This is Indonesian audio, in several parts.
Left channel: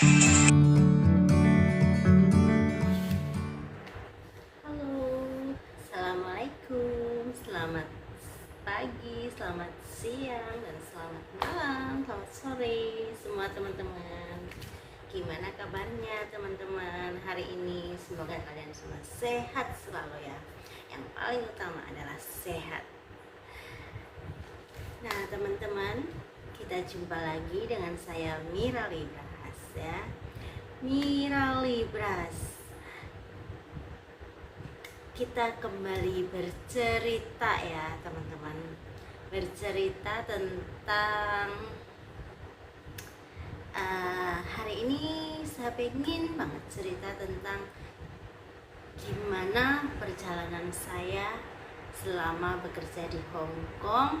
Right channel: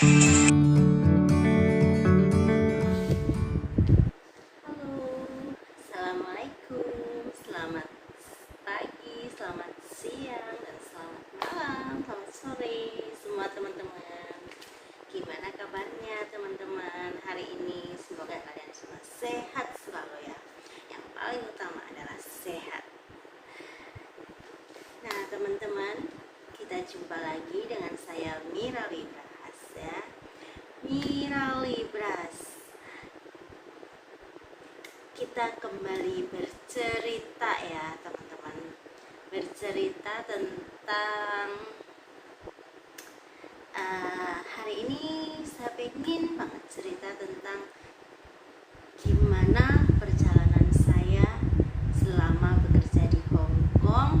Halo, assalamualaikum, selamat pagi, selamat siang, dan selamat malam, selamat sore, semua teman-teman. Gimana kabarnya teman-teman hari ini? Semoga kalian semua sehat selalu ya. Yang paling utama adalah sehat. Nah teman-teman, kita jumpa lagi dengan saya Mira Libras ya. Mira Libras. Kita kembali bercerita ya teman-teman, bercerita tentang hari ini saya pengen banget cerita tentang gimana perjalanan saya selama bekerja di Hong Kong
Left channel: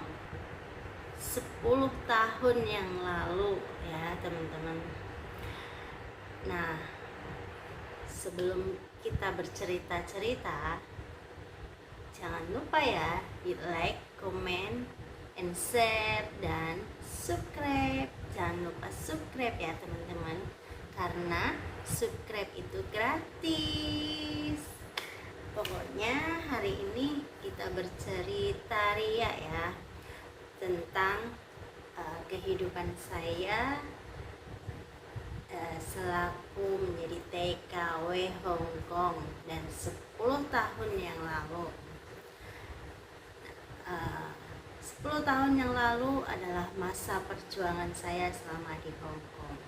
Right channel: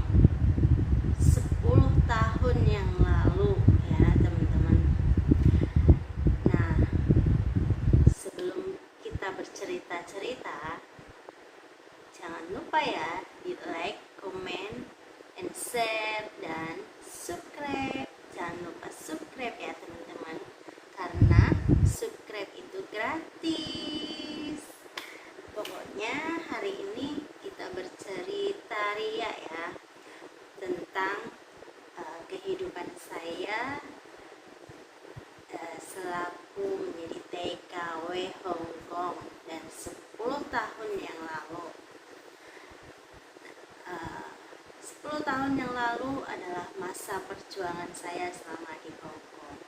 10 tahun yang lalu ya teman-teman. Nah sebelum kita bercerita-cerita, jangan lupa ya di like, comment, and share, dan subscribe. Jangan lupa subscribe ya teman-teman, karena subscribe itu gratis. Pokoknya hari ini kita bercerita ria ya tentang kehidupan saya selaku menjadi TKW Hong Kong dan 10 tahun yang lalu. 10 tahun yang lalu adalah masa perjuangan saya selama di Hong Kong.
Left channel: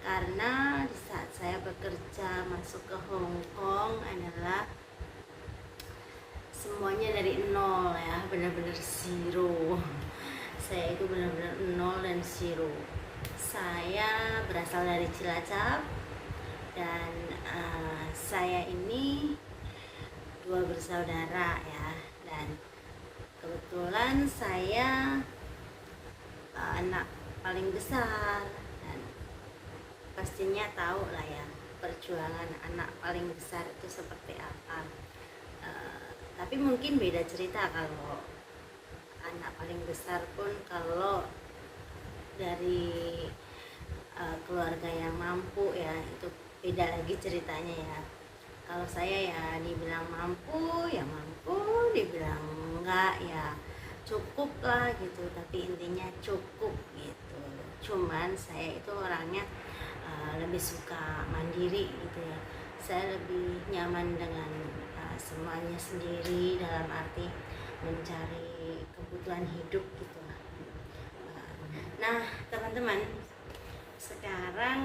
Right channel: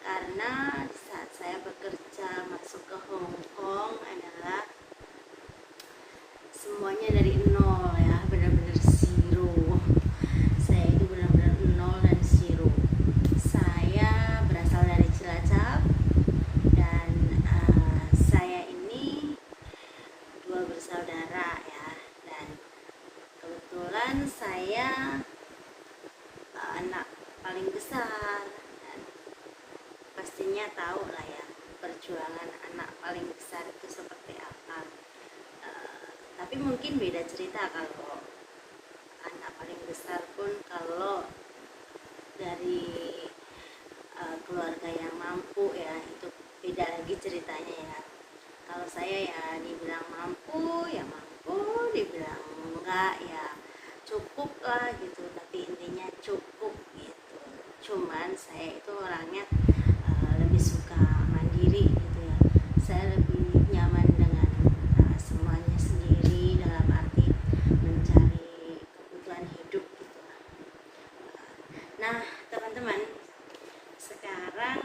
Karena di saat saya bekerja masuk ke Hong Kong adalah semuanya dari nol ya, benar-benar zero. Saya itu benar-benar nol dan zero. Saya berasal dari Cilacap dan saya ini dua bersaudara ya, dan kebetulan saya anak paling besar, dan pastinya tahu lah ya perjuangan anak paling besar itu seperti apa. Tapi mungkin beda cerita kalau anak paling besar pun kalau dari keluarga yang mampu ya, itu beda lagi ceritanya ya. Kalau saya ya dibilang mampu ya mampu, dibilang enggak ya cukup lah gitu, tapi intinya cukup gitu. Cuman saya itu orangnya lebih suka mandiri gitu ya. Saya lebih nyaman dengan semuanya sendiri, dalam arti mencari kebutuhan hidup gitu lah. Nah teman-teman, sekarang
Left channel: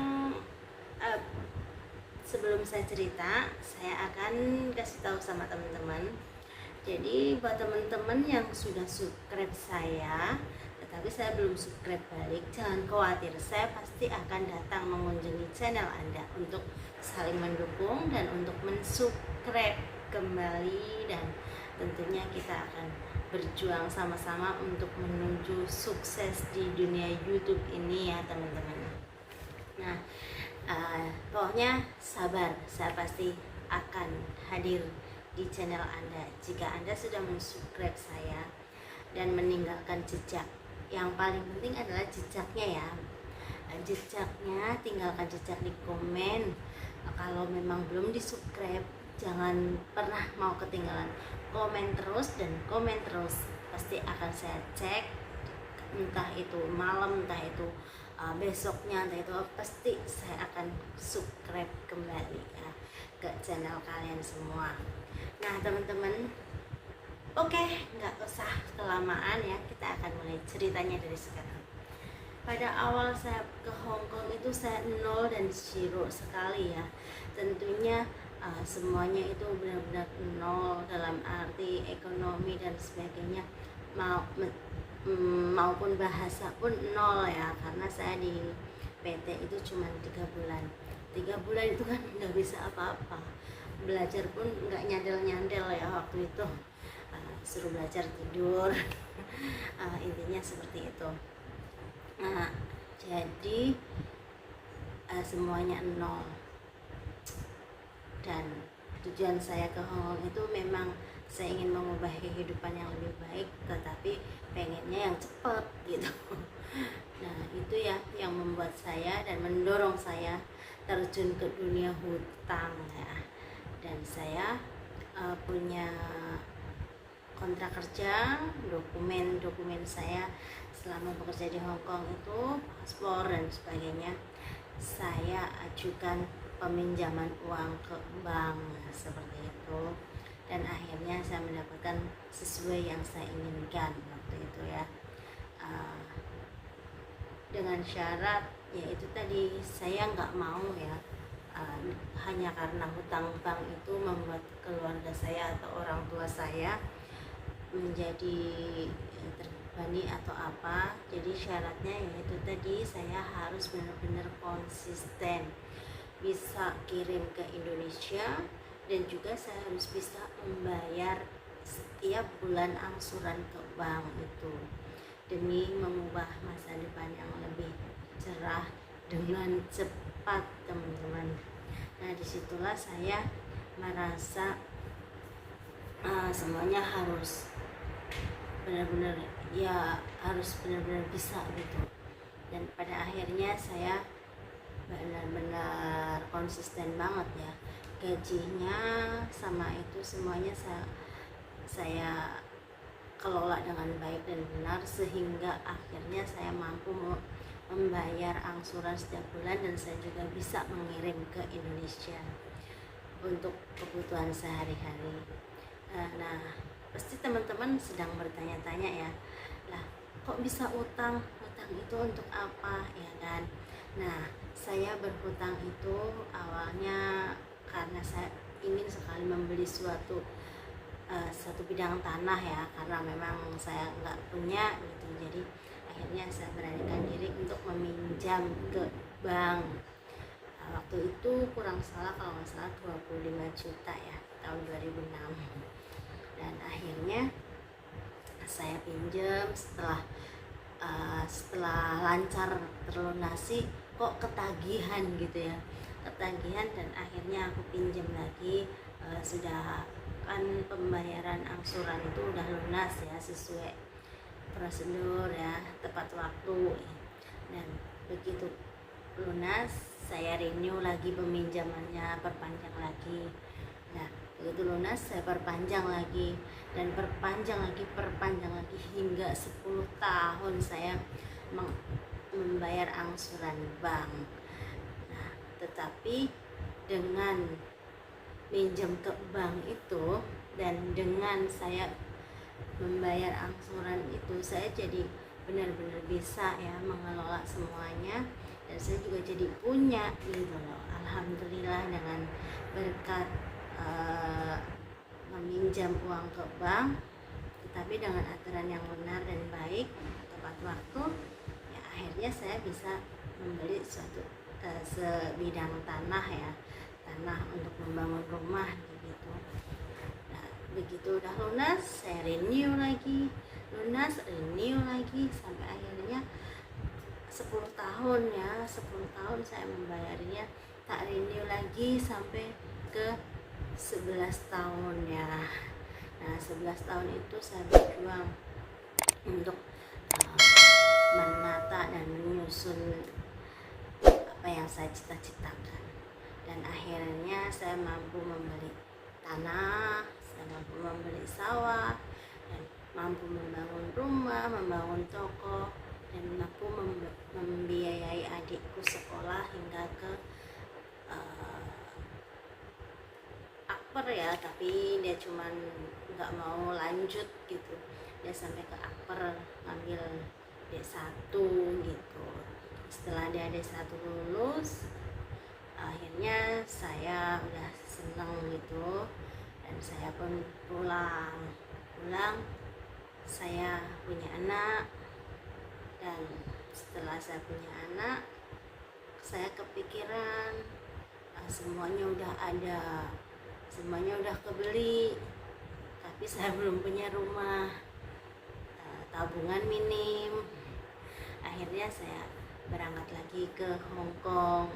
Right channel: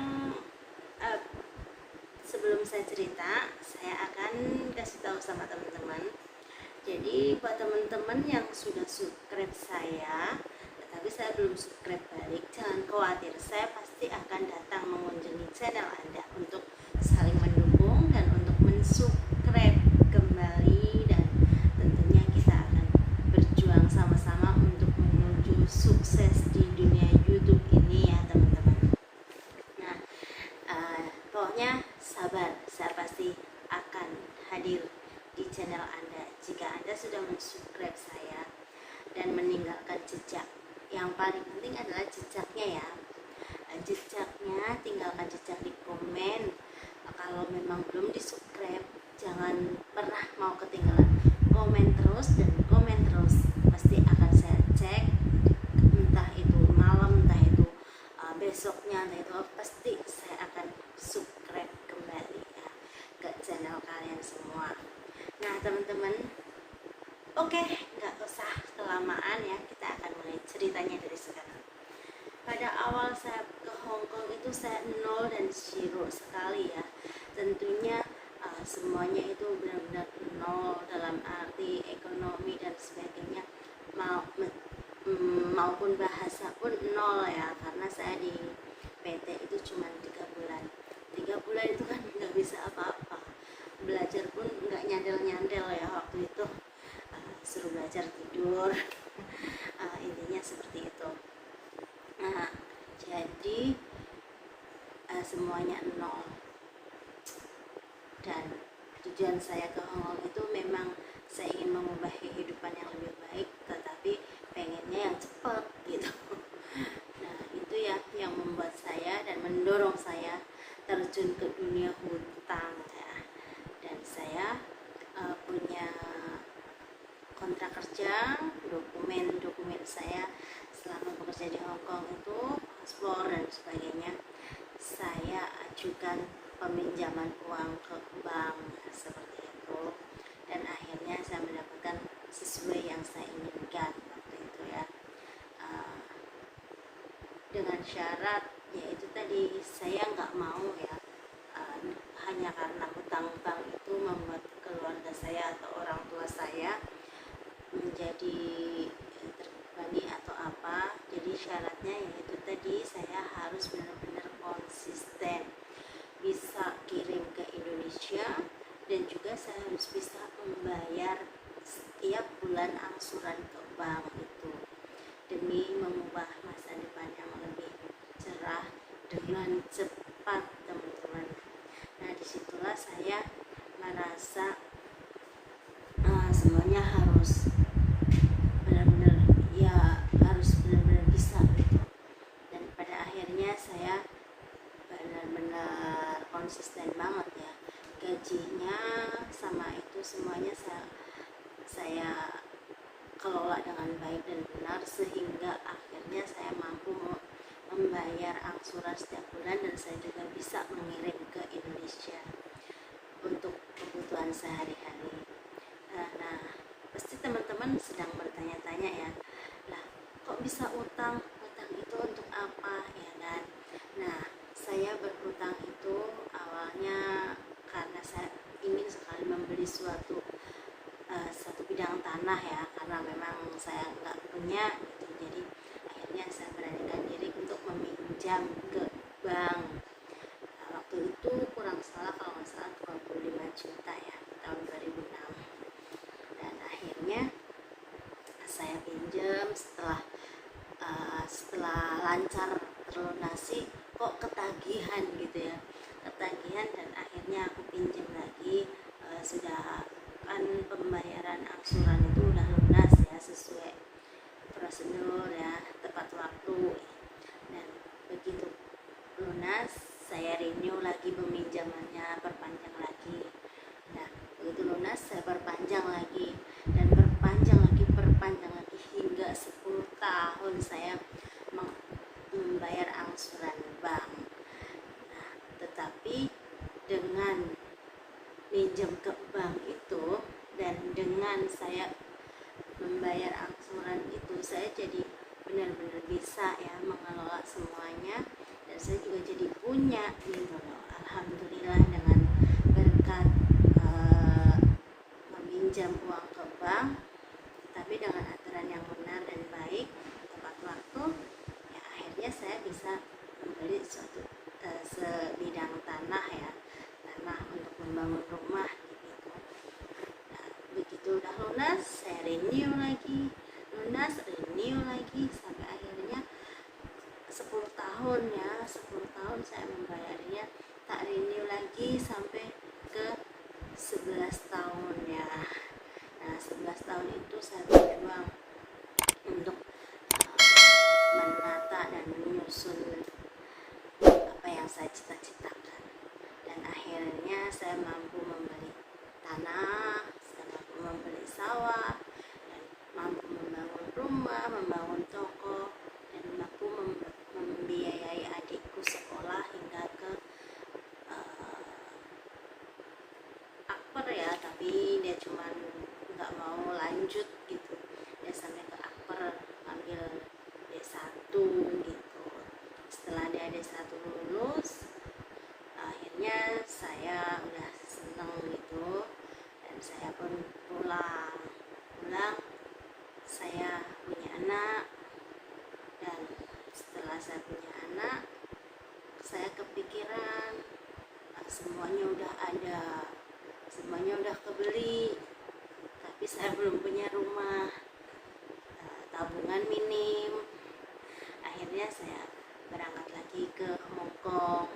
sebelum saya cerita, saya akan kasih tahu sama teman-teman. Jadi buat teman-teman yang sudah subscribe saya tetapi saya belum subscribe balik, jangan khawatir, saya pasti akan datang mengunjungi channel Anda untuk saling mendukung dan untuk mensubscribe kembali, dan tentunya kita akan berjuang sama-sama untuk menuju sukses di dunia YouTube ini ya teman-teman. Nah pokoknya sabar, saya pasti akan hadir di channel Anda jika Anda sudah mensubscribe saya dan meninggalkan jejak. Yang paling penting adalah jejaknya ya, jejaknya tinggalkan jejak di komen. Kalau memang belum di subscribe, jangan pernah mau ketinggalan, komen terus dan komen terus, pasti akan saya cek, entah itu malam, entah itu besoknya, entah itu pasti saya akan subscribe kembali ya ke channel kalian semua. Nah teman-teman, oke, nggak usah kelamaan ya, kita akan mulai ceritanya dari sekarang. Pada awal saya ke Hong Kong itu saya nol dan zero sekali ya. Tentunya semuanya itu benar-benar nol dalam arti ekonomi dan sebagainya, maupun bahasa pun nol ya, karena saya di PT itu cuma 3 bulan. 3 bulan itu kan nggak bisa apa-apa, belajar pun nggak nyandel-nyandel ya waktu itu, suruh belajar tidur. Intinya seperti itu. Jadi semuanya nol, dan tujuan saya ke Hong Kong itu memang saya ingin mengubah kehidupan yang lebih baik, tetapi pengennya yang cepat gitu. Nah itu ya yang membuat membuat saya dan mendorong saya terjun ke dunia hutang ya. Dan saya punya kontrak kerja, dokumen saya selama bekerja di Hong Kong itu, paspor dan sebagainya, saya ajukan peminjaman uang ke bank seperti itu, dan akhirnya saya mendapatkan sesuai yang saya inginkan waktu itu ya. Dengan syarat yaitu tadi, saya nggak mau ya hanya karena hutang bank itu membuat keluarga saya atau orang tua saya menjadi terbebani atau apa. Jadi syaratnya yaitu tadi, saya harus benar-benar konsisten bisa kirim ke Indonesia, dan juga saya harus bisa membayar setiap bulan angsuran ke bank itu demi mengubah masa depan yang lebih cerah dengan cepat, teman-teman. Nah, disitulah saya merasa semuanya harus benar-benar ya, harus benar-benar bisa gitu. Dan pada akhirnya saya benar-benar konsisten banget ya. Gajinya sama itu semuanya saya kelola dengan baik dan benar, sehingga akhirnya saya mampu membayar angsuran setiap bulan, dan saya juga bisa mengirim ke Indonesia untuk kebutuhan sehari-hari. Nah, pasti teman-teman sedang bertanya-tanya ya, lah kok bisa utang itu untuk apa ya kan? Nah, saya berhutang itu awalnya karena saya ingin sekali membeli satu bidang tanah ya, karena memang saya nggak punya gitu. Jadi akhirnya saya beranikan diri untuk meminjam ke bank. Waktu itu kurang salah, kalau nggak salah 25 juta ya, tahun 2006. Dan akhirnya saya pinjam, setelah lancar terlunasi kok ketagihan gitu ya, dan akhirnya aku pinjam lagi. Sudah kan pembayaran angsuran itu udah lunas ya, sesuai prosedur ya, tepat waktu. Dan begitu lunas, saya renew lagi peminjamannya, perpanjang lagi. Nah, begitu lunas saya perpanjang lagi, dan perpanjang lagi hingga 10 tahun saya membayar angsuran bank. Nah, tetapi dengan minjem ke bank itu dan dengan saya membayar angsuran itu, saya jadi benar-benar bisa ya mengelola semuanya, dan saya juga jadi punya gitu loh, alhamdulillah, dengan berkat meminjam uang ke bank, tetapi dengan aturan yang benar dan baik, tepat waktu ya, akhirnya saya bisa membeli suatu sebidang tanah ya, tanah untuk membangun rumah gitu. Nah, begitu udah lunas saya renew lagi, sampai akhirnya 10 tahun ya, 10 tahun saya membayarnya, tak renew lagi sampai ke 11 tahun ya. Nah, 11 tahun itu saya berjuang untuk menata dan menyusun apa yang saya cita-citakan, dan akhirnya saya mampu membeli tanah, saya mampu membeli sawah, dan mampu membangun rumah, membangun toko, dan mampu membiayai adikku sekolah hingga ke akper ya, tapi dia cuman nggak mau lanjut gitu, dia sampai ke akper ngambil D1 gitu. Setelah dia D1 lulus, akhirnya saya udah seneng gitu, dan saya pun pulang, saya punya anak. Dan setelah saya punya anak, saya kepikiran semuanya udah ada, semuanya udah kebeli, tapi saya belum punya rumah, tabungan minim. Akhirnya saya berangkat lagi ke Hong Kong,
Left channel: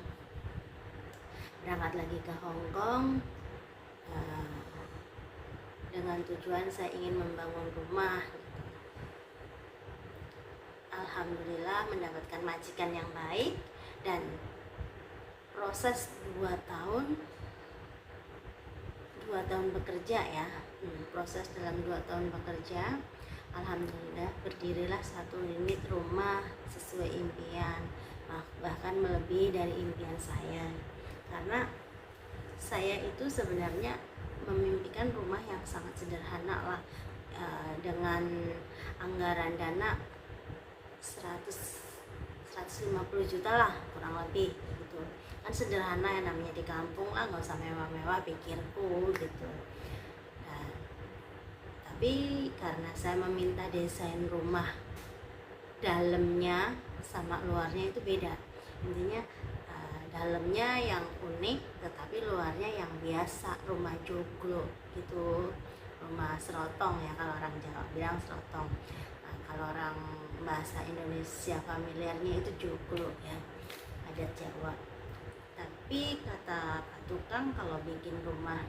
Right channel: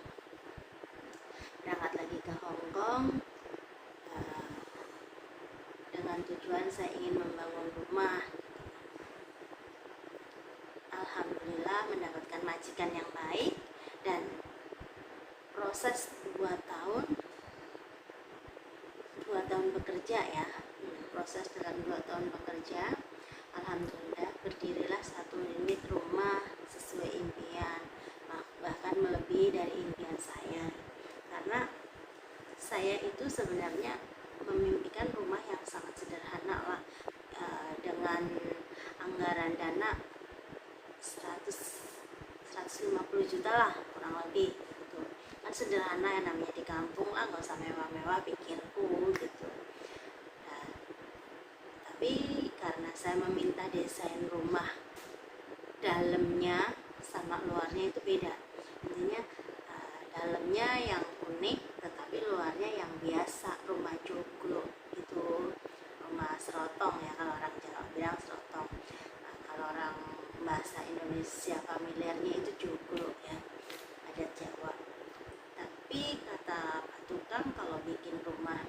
dengan tujuan saya ingin membangun rumah. Alhamdulillah mendapatkan majikan yang baik, dan proses 2 tahun bekerja ya, proses dalam 2 tahun bekerja, alhamdulillah berdirilah satu unit rumah sesuai impian, bahkan melebihi dari impian saya. Karena saya itu sebenarnya memimpikan rumah yang sangat sederhana lah, dengan anggaran dana 150 juta lah kurang lebih gitu. Kan sederhana ya, namanya di kampung lah, nggak usah mewah-mewah pikirku gitu. Nah, tapi karena saya meminta desain rumah dalamnya sama luarnya itu beda, intinya dalamnya yang unik tetapi luarnya yang biasa, rumah joglo gitu, rumah serotong ya kalau orang Jawa bilang serotong. Nah, kalau orang bahasa Indonesia familiarnya itu joglo ya, adat Jawa. Tapi kata Pak Tukang kalau bikin rumah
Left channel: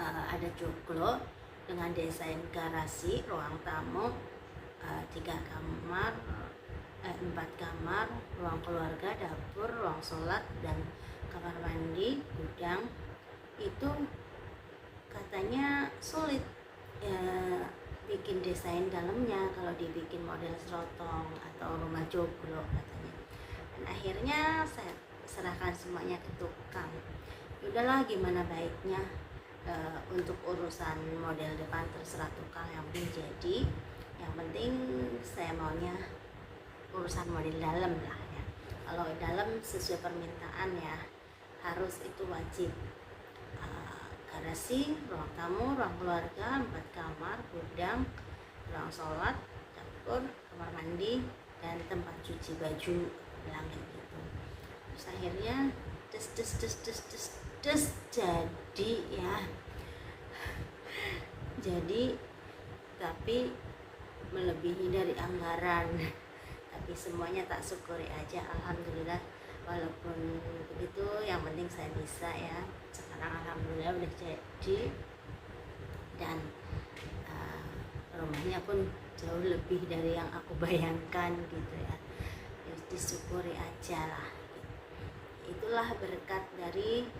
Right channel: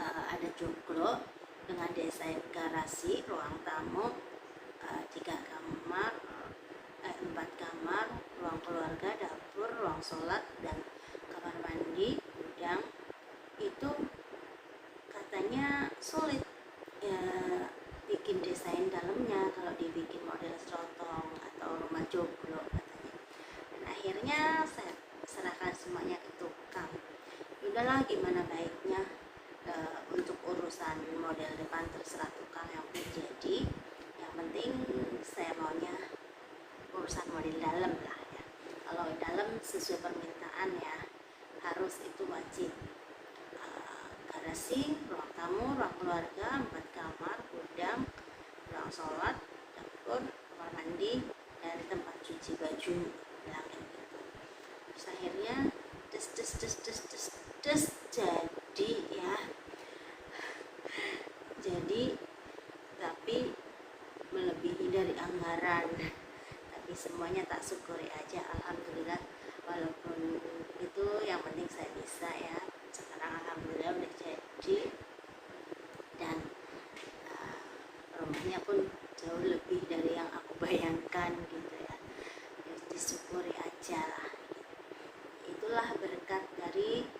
ada joglo dengan desain garasi, ruang tamu, 3 kamar, 4 kamar, ruang keluarga, dapur, ruang sholat, dan kamar mandi, gudang, itu katanya sulit ya bikin desain dalamnya kalau dibikin model serotong atau rumah joglo katanya. Dan akhirnya saya serahkan semuanya ke tukang. Udahlah gimana baiknya, untuk urusan model depan terserah tukang, yang penting jadi, yang penting saya maunya urusan model dalam lah ya. Kalau dalam sesuai permintaan ya, harus itu wajib, garasi, ruang tamu, ruang keluarga, 4 kamar, gudang, ruang sholat, dapur, kamar mandi, dan tempat cuci baju, bilang gitu. Terus akhirnya jadi ya, jadi tapi melebihi dari anggaran. Tapi semuanya tak syukuri aja, alhamdulillah. Walaupun begitu, yang penting saya bisa ya. Sekarang alhamdulillah udah jadi, dan rumahnya pun jauh lebih dari yang aku bayangkan gitu ya. Jadi disyukuri aja lah. Itulah berkat dari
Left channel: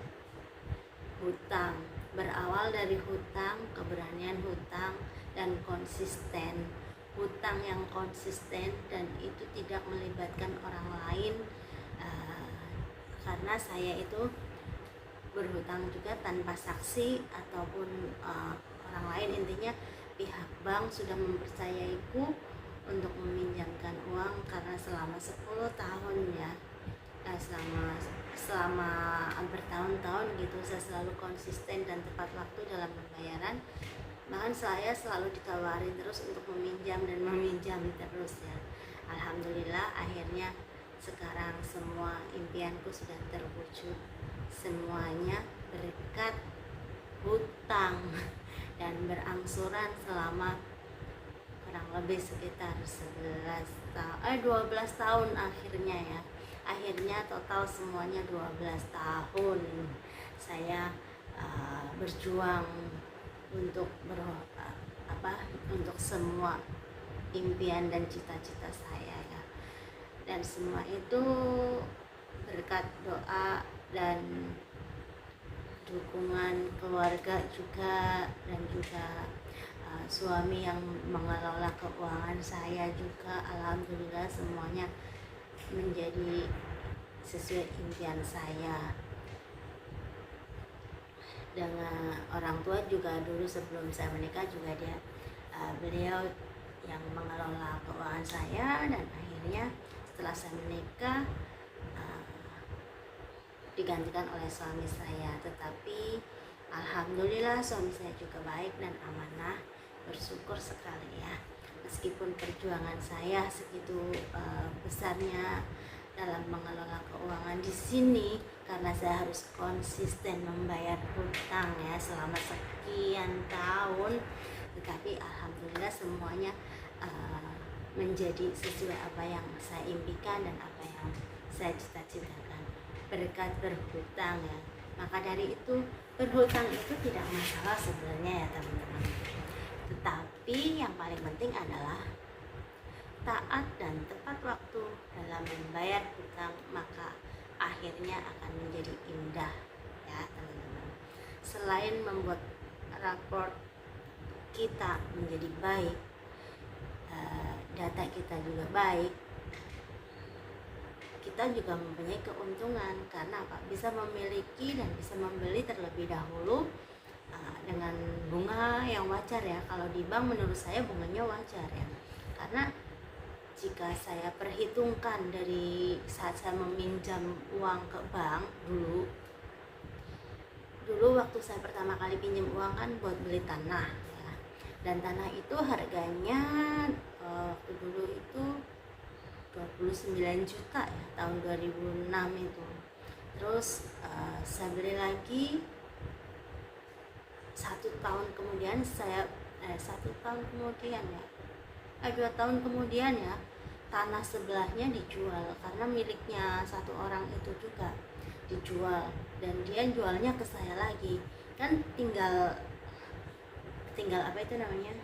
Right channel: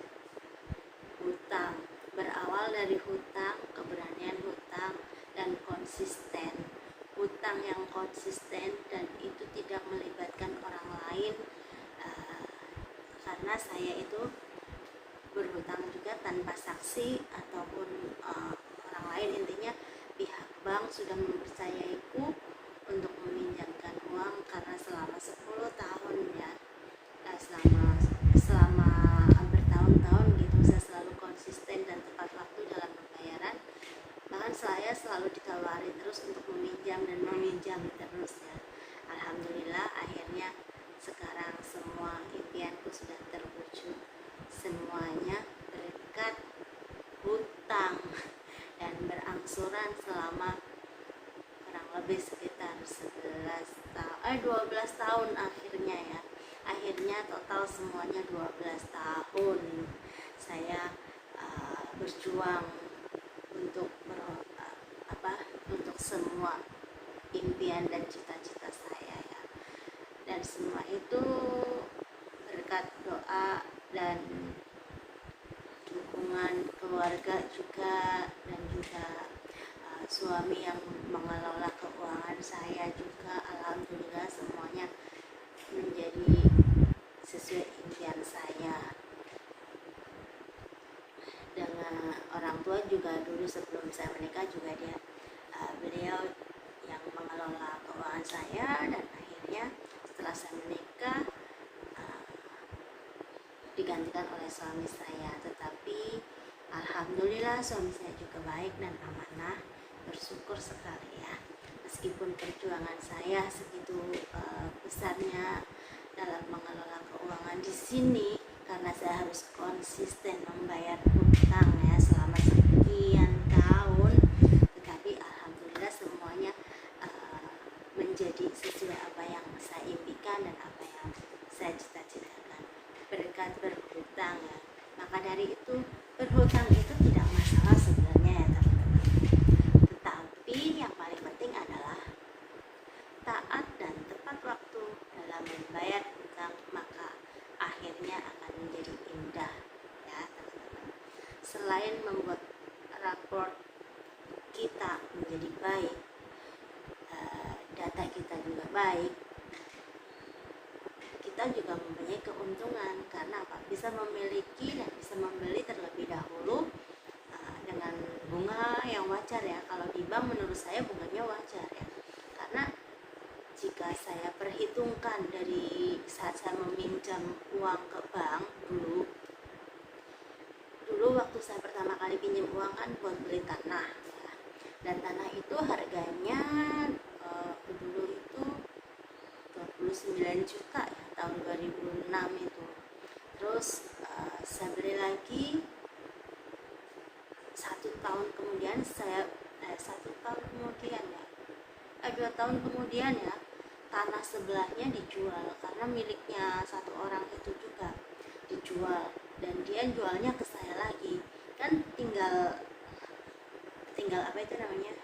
hutang, berawal dari hutang, keberanian hutang, dan konsisten. Hutang yang konsisten dan itu tidak melibatkan orang lain, karena saya itu berhutang juga tanpa saksi ataupun orang lain. Intinya pihak bank sudah mempercayaiku untuk meminjamkan uang, karena selama 10 tahun ya, selama bertahun-tahun gitu, saya selalu konsisten dan tepat waktu dalam pembayaran. Bahkan saya selalu ditawari terus untuk meminjam dan meminjam terus ya. Alhamdulillah akhirnya sekarang semua impianku sudah terwujud, semuanya berkat hutang dan berangsuran selama kurang lebih sekitar 12 tahun akhirnya ya. Akhirnya total semuanya 12 tahun saya berjuang untuk untuk semua impian dan cita-cita saya ya. Dan semua itu berkat doa dan dukungan keluarga juga, dan juga suami yang mengelola keuangan saya juga. Alhamdulillah semuanya menjadi sesuai impian saya. Dengan orang tua juga dulu sebelum saya menikah juga beliau yang mengelola keuangan saya, dan akhirnya setelah saya menikah digantikan oleh suami saya. Tetapi alhamdulillah suami saya juga baik dan amanah, bersyukur sekali ya. Meskipun perjuangan saya segitu besarnya dalam mengelola keuangan di sini, karena saya harus konsisten membayar hutang ya selama sekian tahun, tetapi alhamdulillah semuanya menjadi sesuai apa yang saya impikan dan apa yang saya cita-citakan berkat berhutang ya. Maka dari itu, berhutang itu tidak masalah sebenarnya ya teman-teman, tetapi yang paling penting adalah taat dan tepat tepat waktu dalam membayar hutang, maka akhirnya akan menjadi indah ya teman-teman. Selain membuat rapor kita menjadi baik, data kita juga baik, kita juga mempunyai keuntungan karena apa? Bisa memiliki dan bisa membeli terlebih dahulu dengan bunga yang wajar ya. Kalau di bank menurut saya bunganya wajar ya, karena jika saya perhitungkan dari saat saya meminjam uang ke bank dulu waktu saya pertama kali pinjam uang kan buat beli tanah ya, dan tanah itu harganya waktu dulu itu 29 juta ya, tahun 2006 itu. Terus saya beli lagi 1 tahun kemudian, 2 tahun kemudian ya, tanah sebelahnya dijual karena miliknya satu orang itu juga dijual, dan dia jualnya ke saya lagi. Kan tinggal apa itu namanya,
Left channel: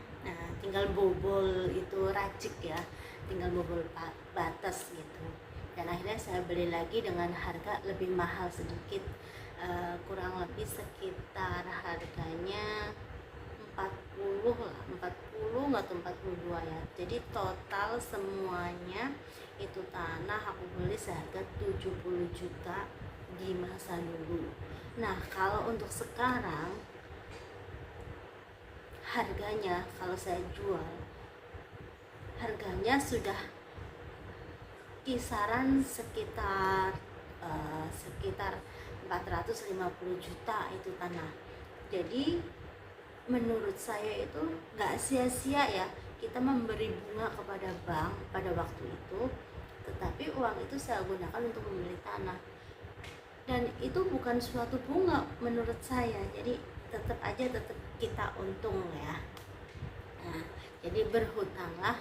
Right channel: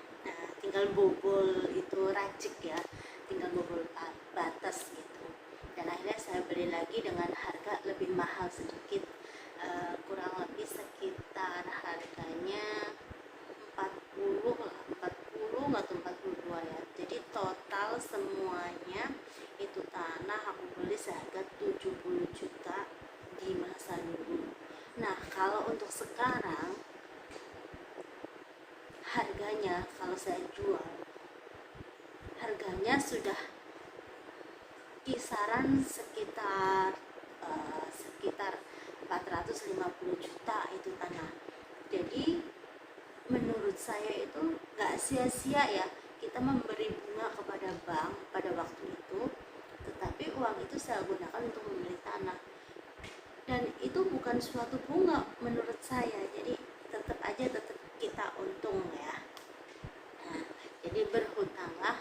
tinggal bobol itu racik ya, tinggal bobol batas gitu. Dan akhirnya saya beli lagi dengan harga lebih mahal sedikit, kurang lebih sekitar harganya 40 lah, 40 atau 42 ya. Jadi total semuanya itu tanah aku beli seharga 70 juta di masa dulu. Nah, kalau untuk sekarang harganya, kalau saya jual, harganya sudah kisaran sekitar 450 juta itu tanah. Jadi menurut saya itu nggak sia-sia ya kita memberi bunga kepada bank pada waktu itu, tetapi uang itu saya gunakan untuk membeli tanah, dan itu bukan suatu bunga menurut saya. Jadi tetap kita untung ya. Nah, jadi berhutanglah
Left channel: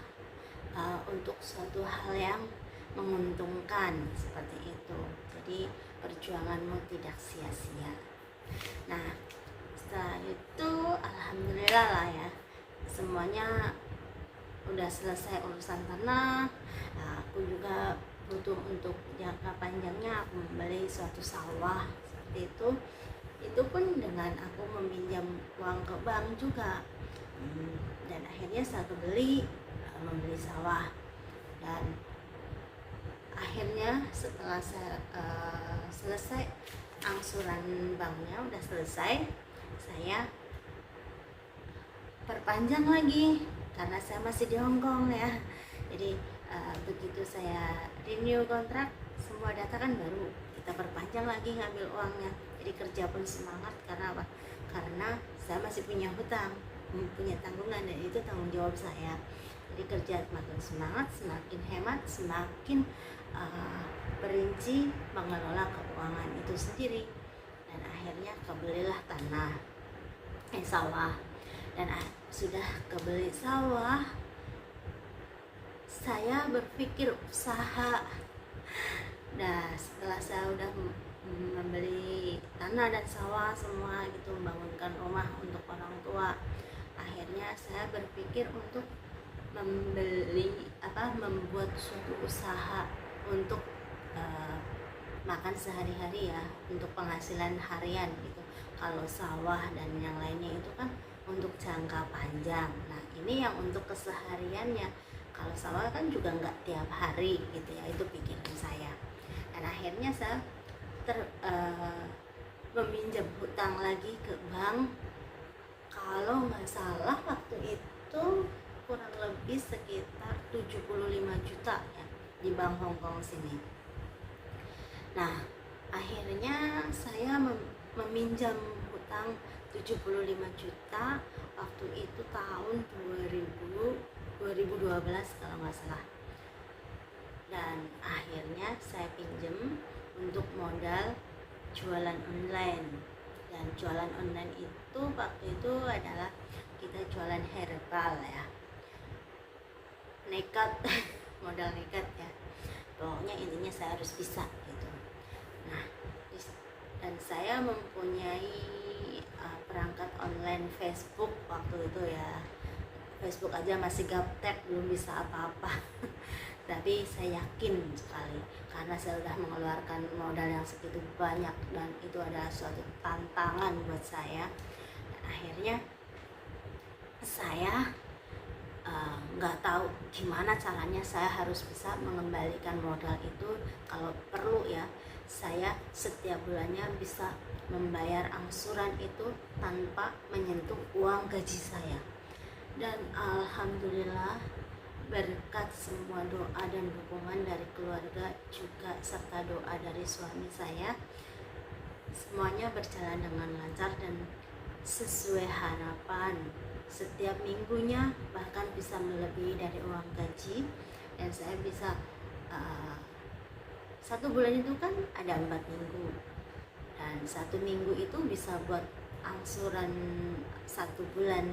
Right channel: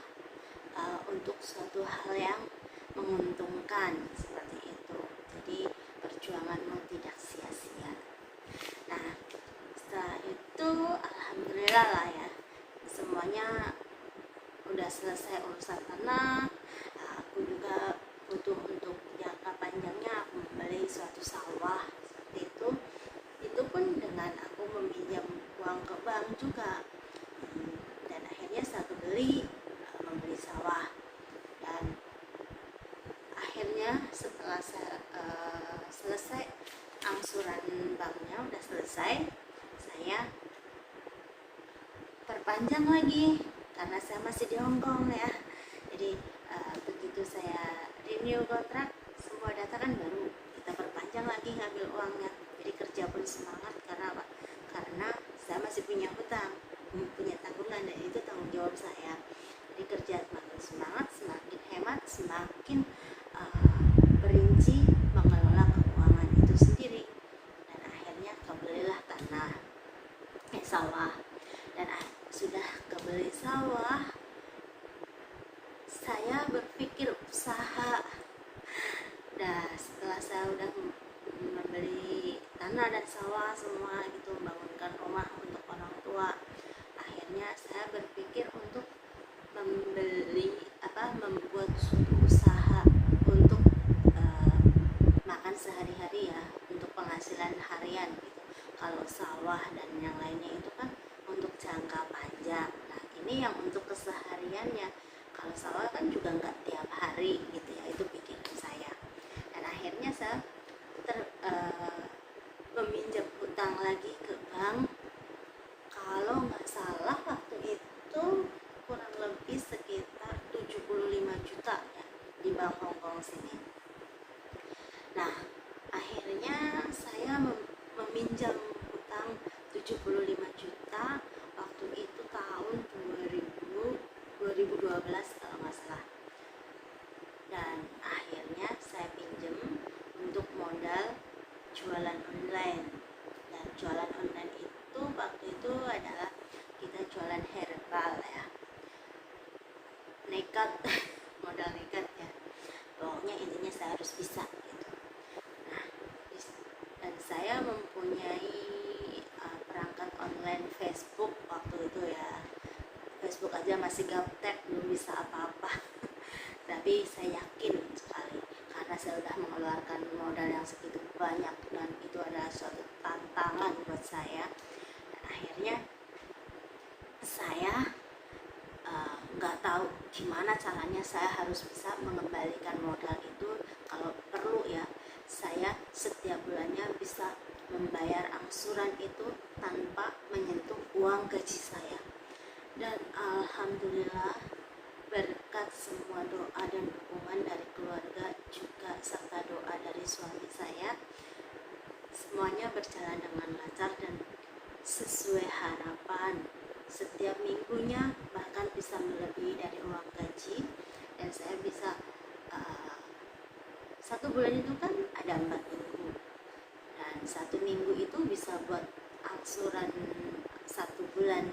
untuk suatu hal yang menguntungkan seperti itu. Jadi perjuanganmu tidak sia-sia. Nah, setelah itu alhamdulillah lah ya, semuanya udah selesai urusan tanah. Aku juga butuh untuk jangka panjangnya, aku membeli suatu sawah seperti itu. Itu pun dengan aku meminjam uang ke bank juga, dan akhirnya saya membeli sawah. Dan akhirnya setelah saya selesai angsuran banknya udah selesai, saya perpanjang lagi karena saya masih di Hong Kong ya. Jadi begitu saya renew kontrak, semua data kan baru, kita perpanjang lagi ngambil uangnya. Jadi kerja pun semangat karena apa? Karena saya masih punya hutang, punya tanggungan, dan itu tanggung jawab saya. Jadi kerja semakin semangat, semakin hemat, semakin perinci mengelola keuangan itu sendiri. Dan akhirnya kebelilah sawah. Dan sudah kebeli sawah, saya berpikir usaha. Nah, setelah saya udah membeli tanah dan sawah semua gitu, membangunkan rumah untuk orang tua, akhirnya saya berpikir untuk membuat suatu usaha untuk makan sehari-hari ya, untuk penghasilan harian gitu. Kalau sawah dan yang lainnya itu kan untuk jangka panjang. Nah, ini yang untuk kesehariannya. Kalau sawah kan juga nggak tiap hari gitu ya, itu pikiran saya. Dan akhirnya saya meminjam hutang lagi ke bank. Kalau nggak salah waktu itu kurang lebih sekitar 75 juta ya di bank Hong Kong sini. Nah, akhirnya saya meminjam hutang 75 juta waktu itu tahun 2012 kalau nggak salah. Dan akhirnya saya pinjam untuk modal jualan online. Dan jualan online itu waktu itu adalah kita jualan herbal ya, nekat modal nekat ya, pokoknya intinya saya harus bisa gitu. Nah, dan saya mempunyai perangkat online Facebook waktu itu ya. Facebook aja masih gaptek, belum bisa apa-apa. tapi saya yakin sekali karena saya sudah mengeluarkan modal yang segitu banyak dan itu adalah suatu tantangan buat saya. Dan akhirnya saya nggak tahu gimana caranya saya harus bisa mengembalikan modal itu. Kalau perlu ya, saya setiap bulannya bisa membayar angsuran itu tanpa menyentuh uang gaji saya. Dan alhamdulillah berkat semua doa dan dukungan dari keluarga juga serta doa dari suami saya, semuanya berjalan dengan lancar dan sesuai harapan. Setiap minggunya bahkan bisa melebihi dari uang gaji, dan saya bisa satu bulan itu kan ada 4 minggu, dan 1 minggu itu bisa buat angsuran 1 bulan,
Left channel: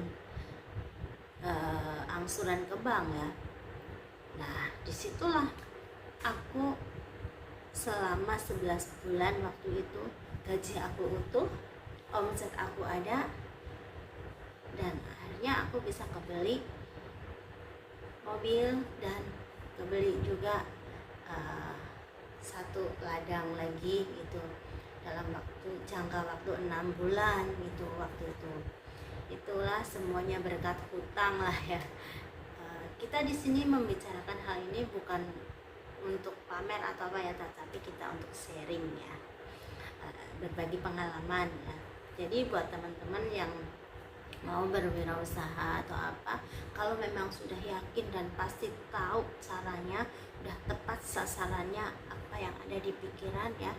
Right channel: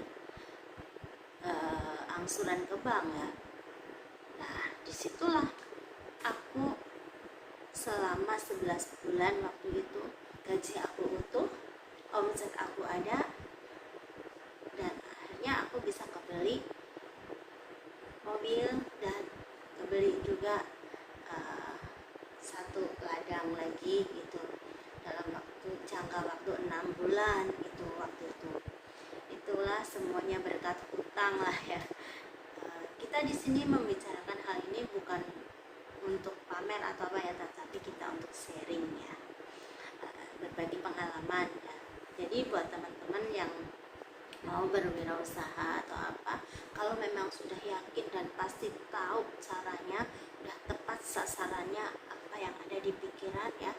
angsuran ke bank ya. Nah disitulah aku selama 11 bulan waktu itu gaji aku utuh, omset aku ada, dan akhirnya aku bisa kebeli mobil dan kebeli juga satu ladang lagi gitu dalam jangka waktu 6 bulan gitu waktu itu. Itulah semuanya berkat hutang lah ya. Kita di sini membicarakan hal ini bukan untuk pamer atau apa ya, tapi kita untuk sharing ya, berbagi pengalaman ya. Jadi buat teman-teman yang mau berwirausaha atau apa, kalau memang sudah yakin dan pasti tahu caranya, udah tepat sasarannya apa yang ada di pikiran ya,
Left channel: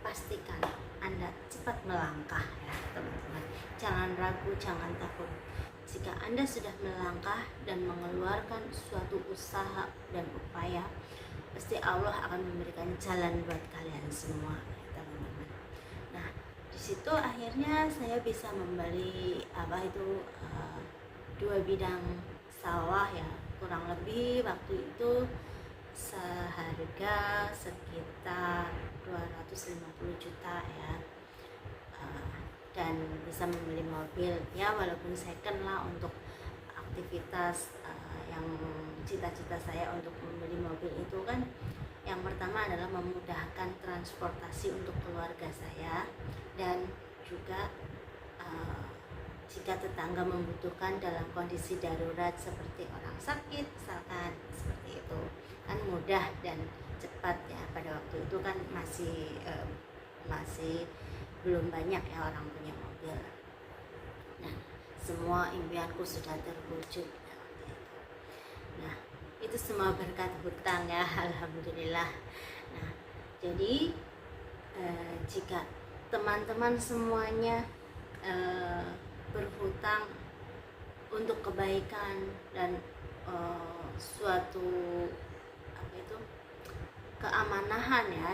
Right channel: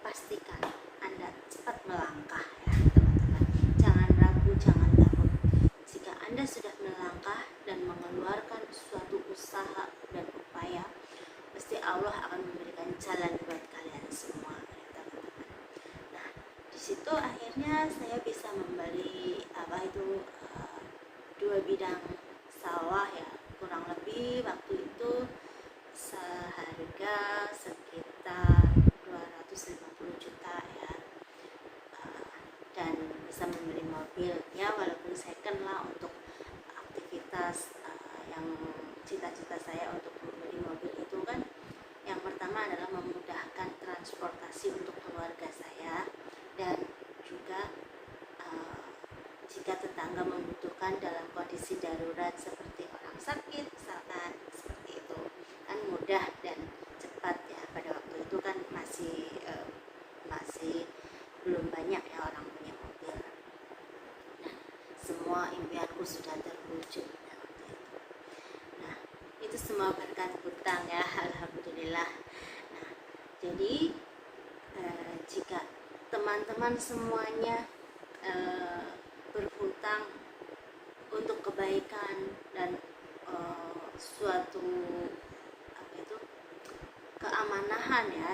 pastikan Anda cepat melangkah ya teman-teman. Jangan ragu, jangan takut. Jika Anda sudah melangkah dan mengeluarkan suatu usaha dan upaya, pasti Allah akan memberikan jalan buat kalian semua ya teman-teman. Nah di situ akhirnya saya bisa membeli dua bidang sawah ya, kurang lebih waktu itu seharga sekitar 250 juta ya. Dan bisa membeli mobil ya, walaupun second lah untuk aktivitas yang cita-cita saya untuk membeli mobil itu kan. Yang pertama adalah memudahkan transportasi untuk keluarga saya, dan juga jika tetangga membutuhkan dalam kondisi darurat seperti orang sakit misalkan, seperti itu kan mudah dan cepat ya. Pada waktu itu kan masih belum banyak ya orang punya mobil. Nah semua impianku sudah terwujud ya waktu itu. Nah itu semua berkat hutang ya, alhamdulillah. Nah jadi jika teman-teman semuanya berhutang untuk kebaikan dan suatu keamanahan ya,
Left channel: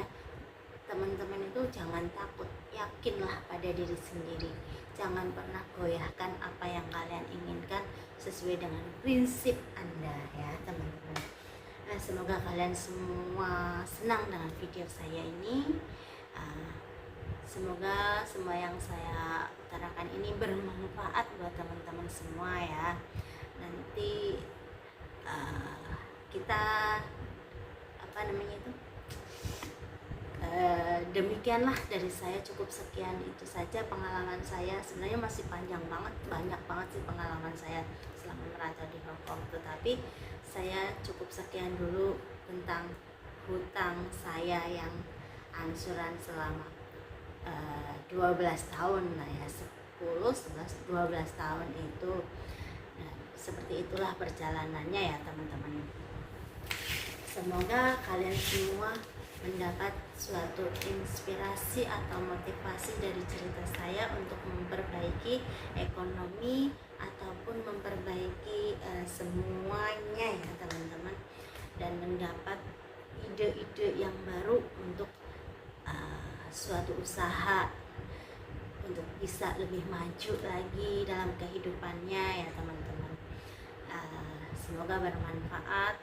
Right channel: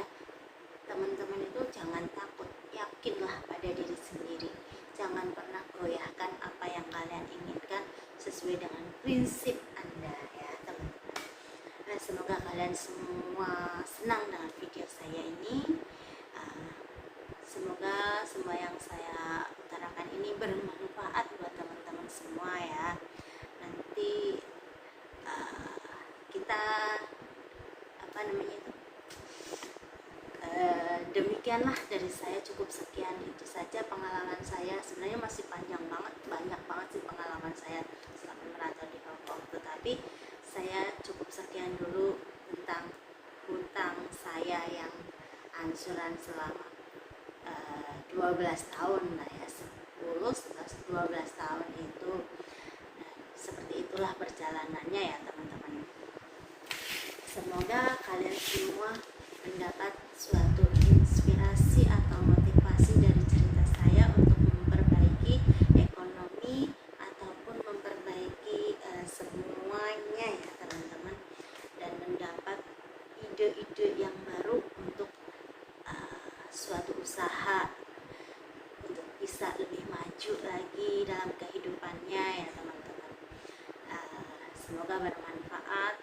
teman-teman itu jangan takut, yakinlah pada diri sendiri. Jangan pernah goyahkan apa yang kalian inginkan sesuai dengan prinsip Anda ya teman-teman. Nah, semoga kalian semua senang dengan video saya ini. Semoga semua yang saya utarakan ini bermanfaat buat teman-teman semua ya. Nanti kita demikianlah dari saya, cukup sekian itu saja pengalaman saya. Sebenarnya masih panjang banget, banyak banget sih pengalaman saya selama merantau di Hong Kong, tetapi saya cukup sekian dulu tentang hutang saya yang angsuran selama 12 tahun lah ya, 10, 11, 12 tahun itu. Nah, seperti itulah perjalanannya ya teman-teman. Semoga kalian semua mendapat suatu inspirasi atau motivasi dari cerita saya untuk memperbaiki ekonomi ataupun memperbaiki semuanya ya teman-teman, dan mendapat ide-ide yang baru untuk suatu usaha untuk bisa lebih maju lagi dalam kehidupannya ya teman-teman. Semoga bermanfaat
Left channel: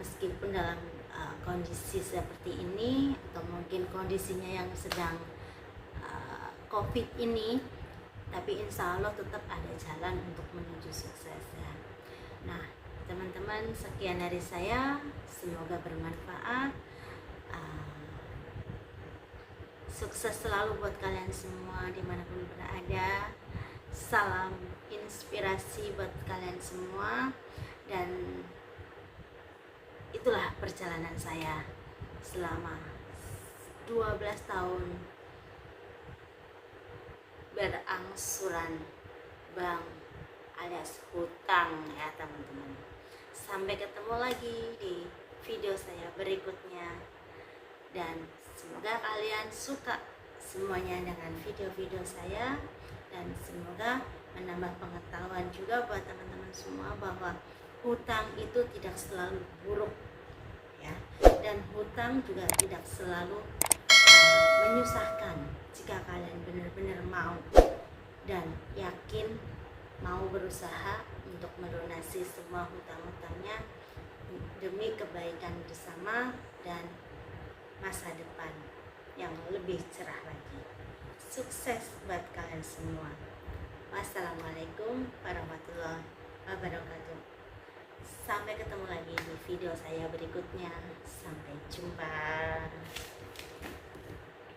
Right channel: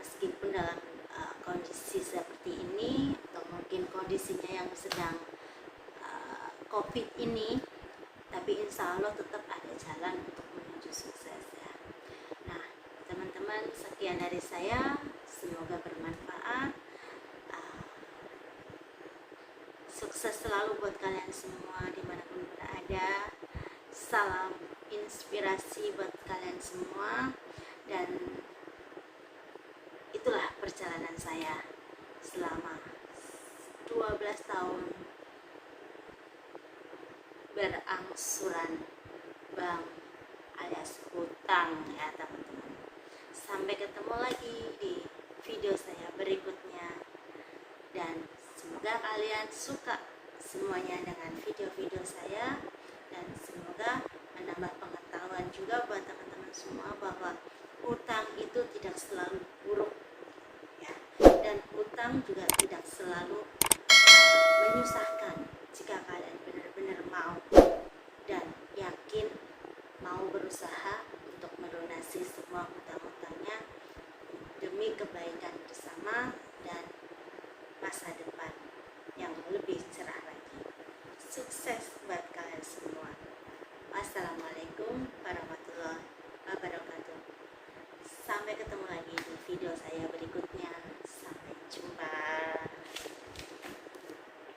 meskipun dalam kondisi seperti ini atau mungkin kondisinya yang sedang COVID ini, tapi insya Allah tetap ada jalan untuk menuju sukses ya. Nah teman-teman, sekian dari saya, semoga bermanfaat. Sukses selalu buat kalian semua dimanapun berada. Salam inspirasi buat kalian semua. Dan itulah perjalanan saya selama 12 tahun berangsuran bank alias hutang ya teman-teman. Sampai ketemu lagi di video saya berikutnya, dan semoga kalian suka semuanya dengan video-video saya, dan semoga menambah pengetahuan juga buat teman-teman semua bahwa hutang itu tidak selalu buruk ya, dan hutang juga tidak selalu menyusahkan jika kalian benar-benar mau dan yakin mau berusaha untuk melunasi semua hutang-hutangnya demi kebaikan bersama dan masa depan yang lebih cerah lagi. Sukses buat kalian semua. Wassalamualaikum warahmatullahi wabarakatuh. Sampai ketemu lagi di video saya berikutnya. Sampai jumpa.